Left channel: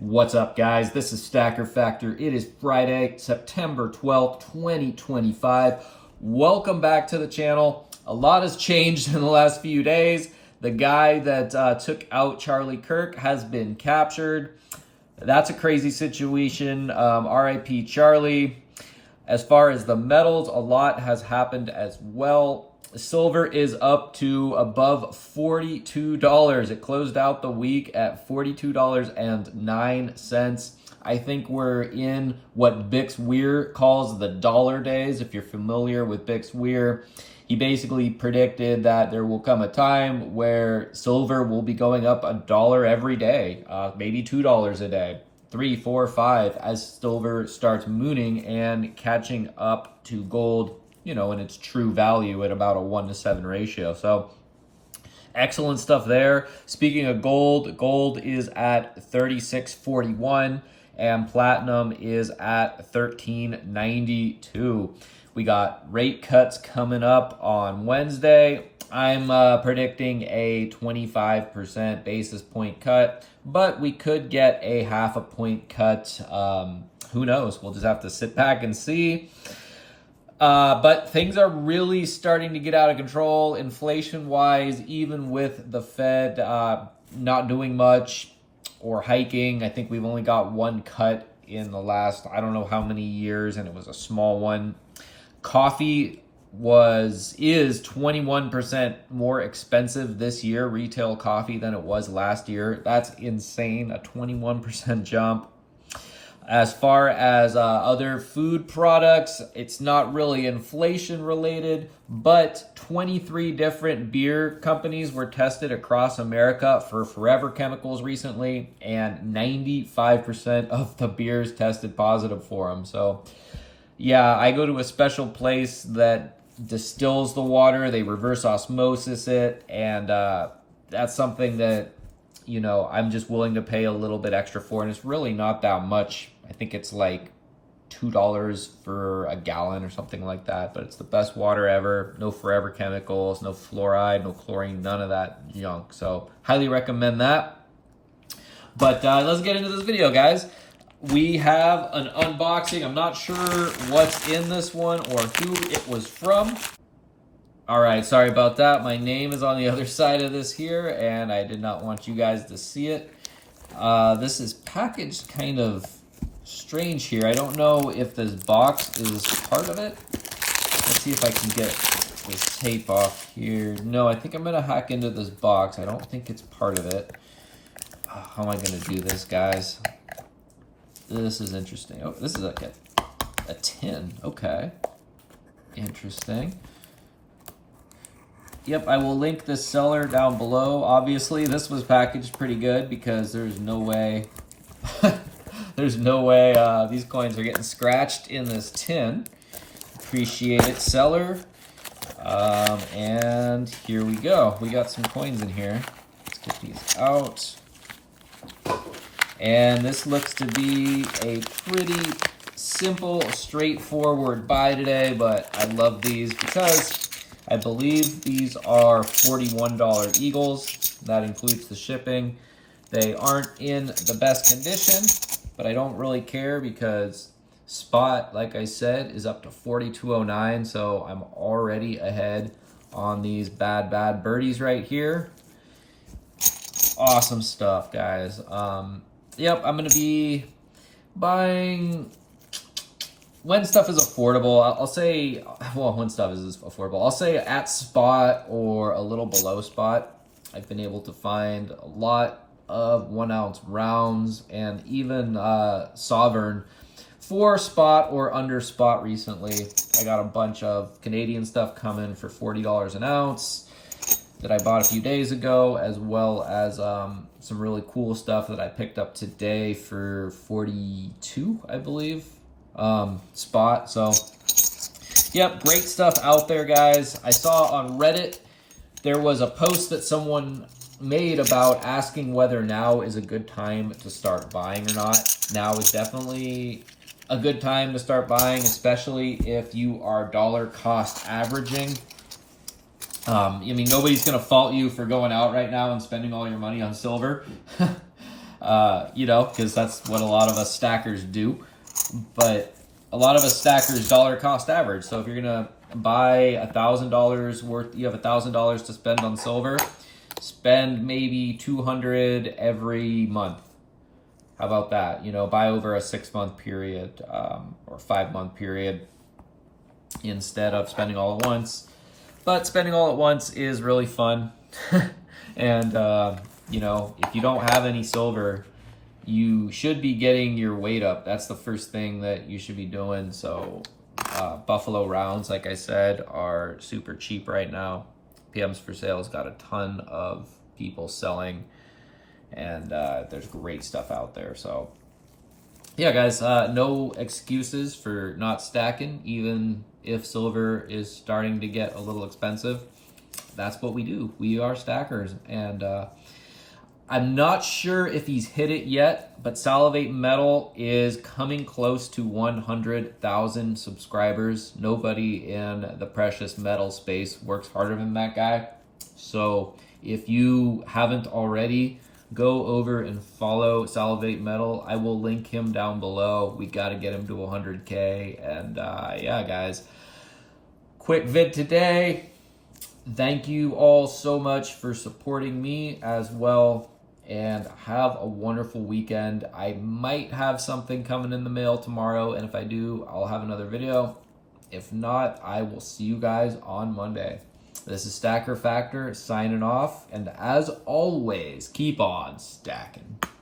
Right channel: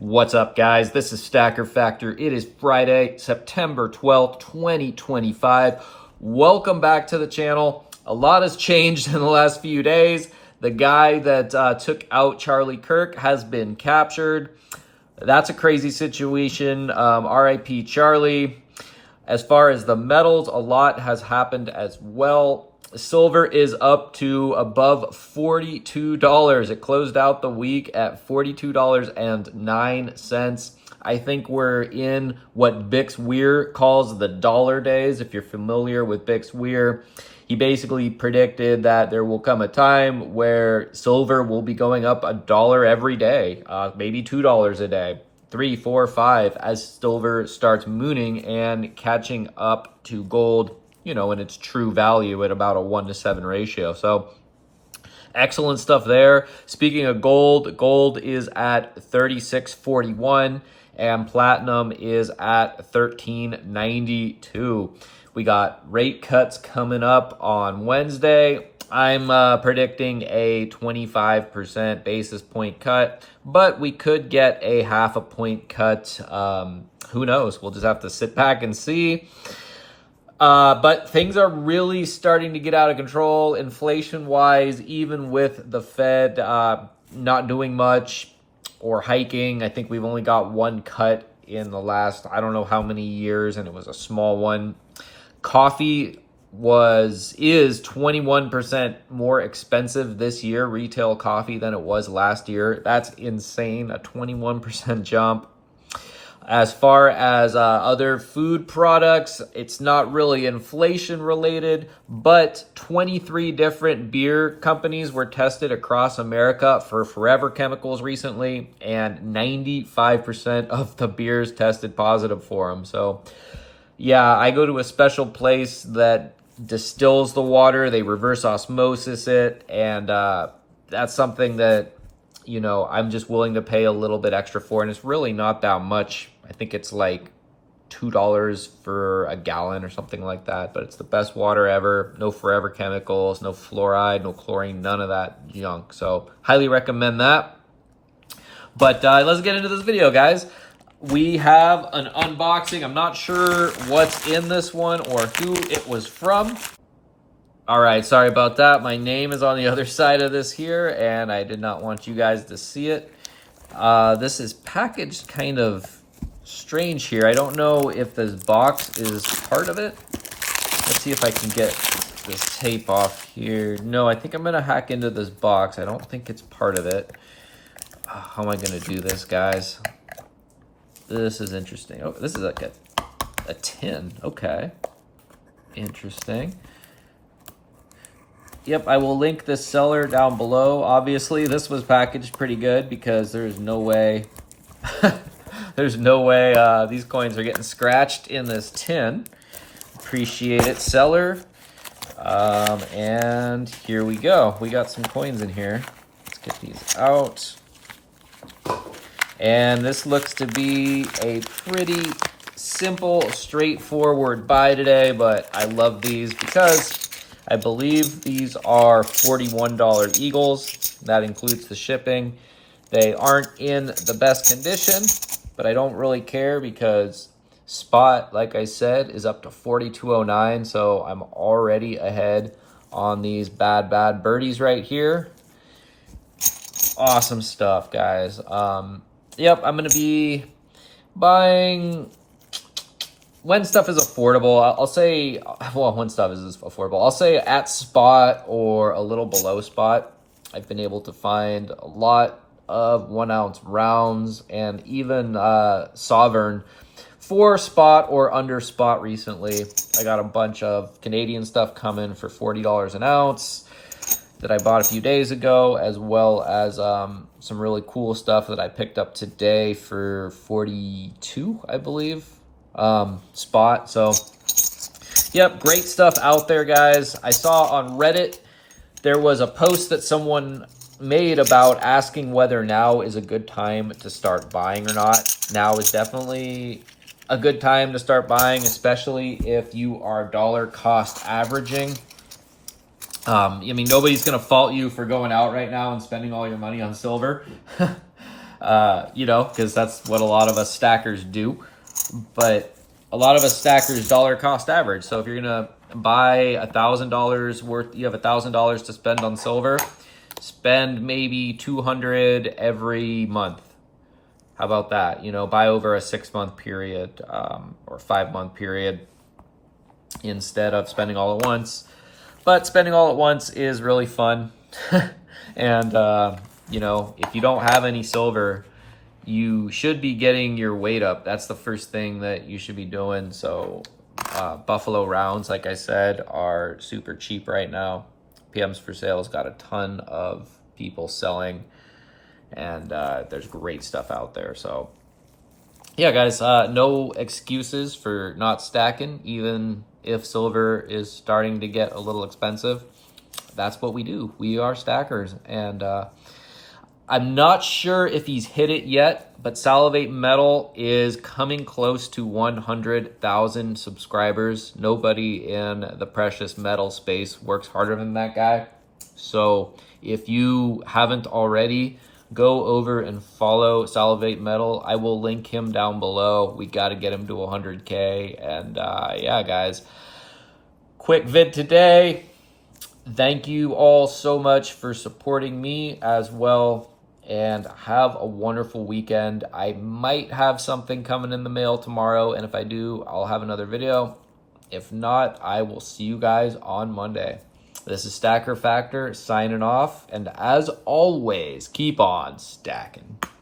What's up, guys? This is Stacker Factor. It is Friday, September 12th, 2025. Welcome back to the channel. A lot has changed in the last few days. The guy that took out Charlie Kirk has been captured. That's a crazy situation. RIP Charlie. As far as the metals, a lot has happened as well. Silver is up to above $42. It closed out the week at $42.09. I think we're in what Bix Weir calls the dollar days. If you're familiar with Bix Weir, he basically predicted that there will come a time where silver will be going up $1 every day, maybe $2 a day, 3, 4, 5, as silver starts mooning and catching up to gold, you know, in its true value at about a 1-to-7 ratio. So excellent stuff there. Speaking of gold, gold is at $36.41 and platinum is at $13.92. We got rate cuts coming up on Wednesday. I'm predicting a 25% basis point cut, but we could get a 0.5 point cut. Who knows? We'll just have to sit back and see. But things are really starting to get out of control inflation-wise, even with the Fed not doing much or hiking. I think we've only got one cut in the last, I don't know how many years, and it was a small one. Coffee is 21% more expensive this year, retail coffee, than it was last year. That's insane, a 21% jump. As far as other food products, it's not really inflation related, but 23 different beer companies were tested across America for forever chemicals recently, and 95% of the beers tested positive for them. So yeah, I go to a special place that distills the water. They reverse osmosis it, and that's something that, you know, I'm just willing to pay a little bit extra for, and it's really not that much. I think it's like $2 for a gallon or something like that, but it's the best water ever. No forever chemicals, no fluoride, no chlorine, none of that junk. So highly recommend that. But let's get into this video, guys. We have an unboxing. I'm not sure what's in this one or who it was from. All right, sorry about that. My name is on the other side of this here, and I did not want you guys to see it. This is packaged kind of strange here. I don't know if this box is part of it. Let's see if I can get this tape off here. No, I think I'm gonna hack into this box. I don't think it's part of it. How am I gonna do this, guys? This is interesting. Oh, this is like a tin. Okay, interesting. Yep, I will link this seller down below. Obviously, this was packaged pretty good because there's no way there's no way these coins are getting scratched in this tin. Appreciate it, seller. And here we go. We got some coins in here. Let's get these out. And this looks to be a pretty simple, straightforward buy today, but I love these because I believe these are $41 Eagles. That includes the shipping. They aren't in the best condition, but I don't really care because spot, like I said, is up to $42.09, so I'm already ahead on these bad birdies right here. Awesome stuff, guys. Yep, I'm going to be buying when stuff is affordable. I'll say, well, when stuff is affordable, I'll say at spot or a little below spot. I've been able to find a lot of 1-ounce rounds and even Sovereign for spot or under spot recently. I got a bunch of Canadian stuff coming for $40 an ounce that I bought a few days ago, as well as some really cool stuff that I picked up today for $42, I believe, spot. So yep, great stuff out there, guys. I saw on Reddit there was a post that someone made about asking whether now is a good time to start buying or not. Now is definitely a good time to start buying, especially if you are dollar cost averaging. I mean, nobody's going to fault you for going out right now and spending all your money on silver. You know, because that's what a lot of us stackers do. But a lot of us stackers dollar cost average. So if you're gonna buy $1,000 worth, you have $1,000 to spend on silver, spend maybe 200 every month. How about that? You know, buy over a 6-month period or 5-month period instead of spending all at once. But spending all at once is really fun. And, you know, if you don't have any silver, you should be getting your weight up. That's the first thing that you should be doing. So Buffalo rounds, like I said, are super cheap right now. PMs for Sale's got a ton of people selling, and there's great stuff out there. So yeah, guys, no excuses for not stacking, even if silver is starting to get a little expensive. That's what we do. We are stackers. And I'm not sure if he's hit it yet, but Salivate Metal is coming close to 100,000 subscribers. Nobody in the precious metal space works harder than that guy. So if you haven't already, go over and follow Salivate Metal. I will link him down below. We got to get him to 100K. And yeah, guys, quick vid today. Thank you all so much for supporting me as well, and have a wonderful weekend. I might have something coming in the mail tomorrow, and if I do, I'll have another video. If not, I will see you guys on Monday. This is Stacker Factor signing off, and as always, keep on stacking.